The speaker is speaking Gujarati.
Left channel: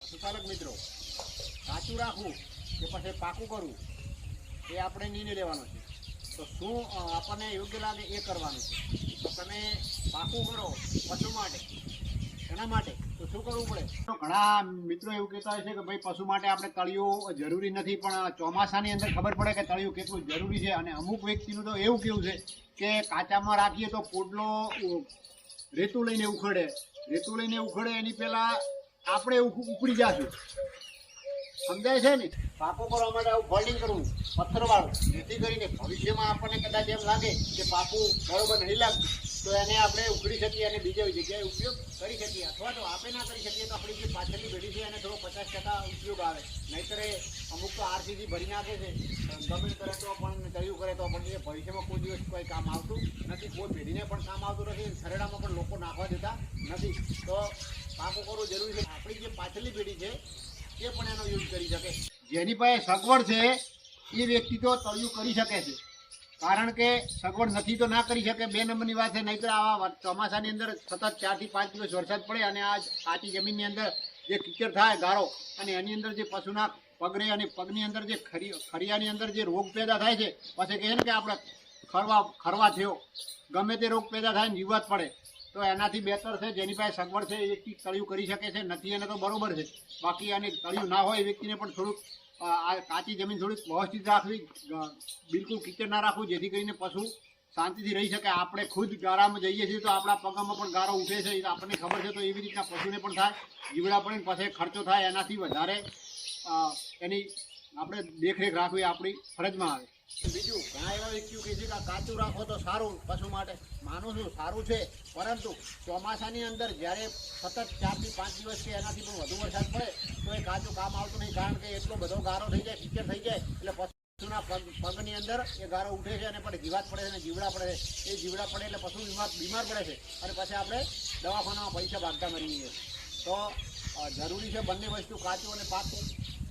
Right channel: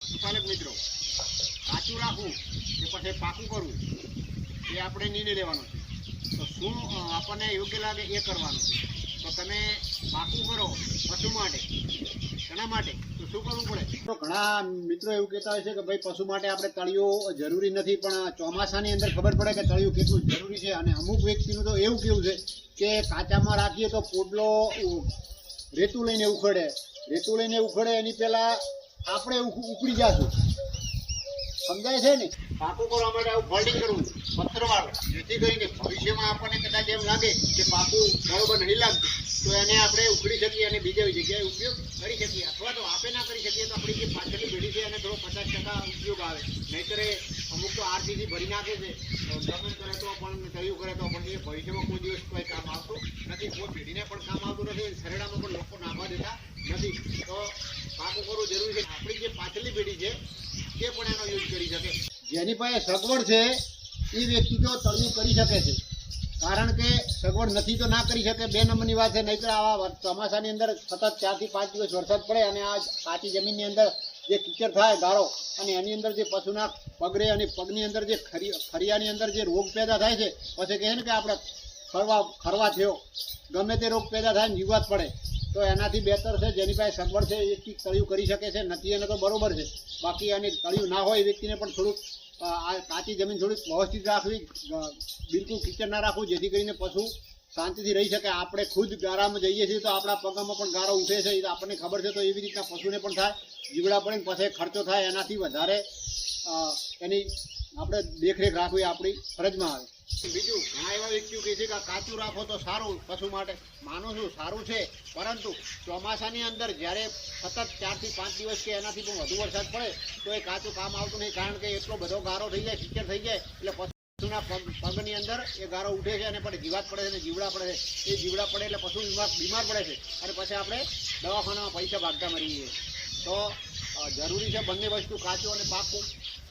પશુપાલક મિત્રો, કાચું રાખવું કે પછી પાકું કરવું એ આપણે નિર્ણય લેવાનો છે. તો શું આપણને યોગ્ય લાગે એ કરવાનું છે. તો તમે પાકું કરો પશુ માટે, એના માટે તો શું કરવું પડે? તો ઘણા મિત્રો એવું કહેતા હોય છે કે ભાઈ પશુ માટે આપણે તળિયું જરૂરી નથી, પણ ચોમાસાની અંદર ખબર પડે કે તળિયું કેટલું જરૂરી છે. અને અમુક વ્યક્તિનું તો એવું કેવું છે કે કાચામાં રાખીએ તો પોટલો રેતું લઈને ઉખડે એની પહેલાં આપણે ઉપડી જશું. સમજાય છે ને? પાકું કરવા માટે આવું ફોલ્ડિંગ કરવું પથ્થરવાળું, જેથી કરીને ભવિષ્યમાં આપણને કદાચ એમ લાગે કે પાકું બરોબર નહીં લાગતું તો એને આપણે ઉખડી શકીએ અને બીજી જગ્યાએ ઉપયોગ કરી શકીએ. અથવા તો આપણે ના કરી શકીએ તો આપણી જે પાછળની પેઢી છે એને થોડો 50% ઉપયોગ આવે. નહીંતર અમુક તો આરસીસી ભરી નાખે છે, ગમે કરે તો પણ તળિયું કરે તો પણ એ ભવિષ્યમાં કોઈ દિવસ કોઈ કામ આવતું નથી, કોઈ પેઢીને પણ કામ આવતું નથી, શરેડામાં પણ લોકો નાખવા દેતા નથી. તો પાકું કરવું જરૂરી છે. આપણી જે પાછળની પેઢી છે તે પણ એનો યુઝ કરી શકે. જેની પાસે સગવડ છે એ વ્યક્તિ તો તળિયું કરી શકે છે, કારણ કે સગવડ નથી તો ના કરી શકે. 2 નંબરની વાત છે. નહીંતર આવા ચોમાસાની અંદર સતત 4 થી 5 દિવસ વરસાદ પડે અને આ કાચી જમીનની અંદર જે કીચડ થાય ગાળો, અને એની અંદર જે પશુના પગરે અને પગની અંદર જે ખરિયાની અંદર જે રોગ પેદા થાય છે, પછી કહે ને કે આપણે ખરવા થયો, ગમે તે રોગ પેદા થાય ને જીવાત પડે. તો એનાથી બહેતર છે જેની પાસે સગવડ છે એ વ્યક્તિ તળિયું કરી શકે છે. નથી એને તો બરોબર છે. બાકી અને તળિયું ના હોય એ વ્યક્તિને પણ થોડુંક આ કાચી જમીન થોડીક વ્યવસ્થિત રાખવી, બિલકુલ કીચડ ના રાખવું, જેથી કરીને પશુ શાંતિથી રહી શકે. આપણે ખુદ ગારામાં જઈએ છીએ તો આપણા પગામાં પણ ગારો ઉઠે છે, એ આપણને ખબર છે. તો એવી રીતના પશુને પણ થાય, જીવડા પડે ને પછી ખર્ચો થાય. એનાથી વધારે એની આપણે દેખરેખ રાખવી આપણી ફરજમાં આવે. બીજું, ઘણા એવા વ્યક્તિઓ કહે છે કે કાચું રાખો તો સારું પશુ માટે. માનું છું સારું છે, પરંતુ ચોમાસાની અંદર જ્યારે સતત 4 થી 5 દિવસ કે એનાથી પણ વધુ વરસાદ પડે તો એ કાચું કામ આવતું નહીં, કારણ કે એટલો બધો ગારો થઈ જાય, કીચડ થઈ જાય, એટલે પશુના પગની અંદર એ ગારો ઉઠે છે અને પછી જીવાત પડે છે અને જીવડા પડે છે. એ જીવડા પડે એટલે પશુ બીમાર પડે છે અને પછી આપણે દવાખાનામાં પૈસા ભાગતા મરી જઈએ. તો જરૂરી છે બંને વસ્તુ, કાચું અને પાકું.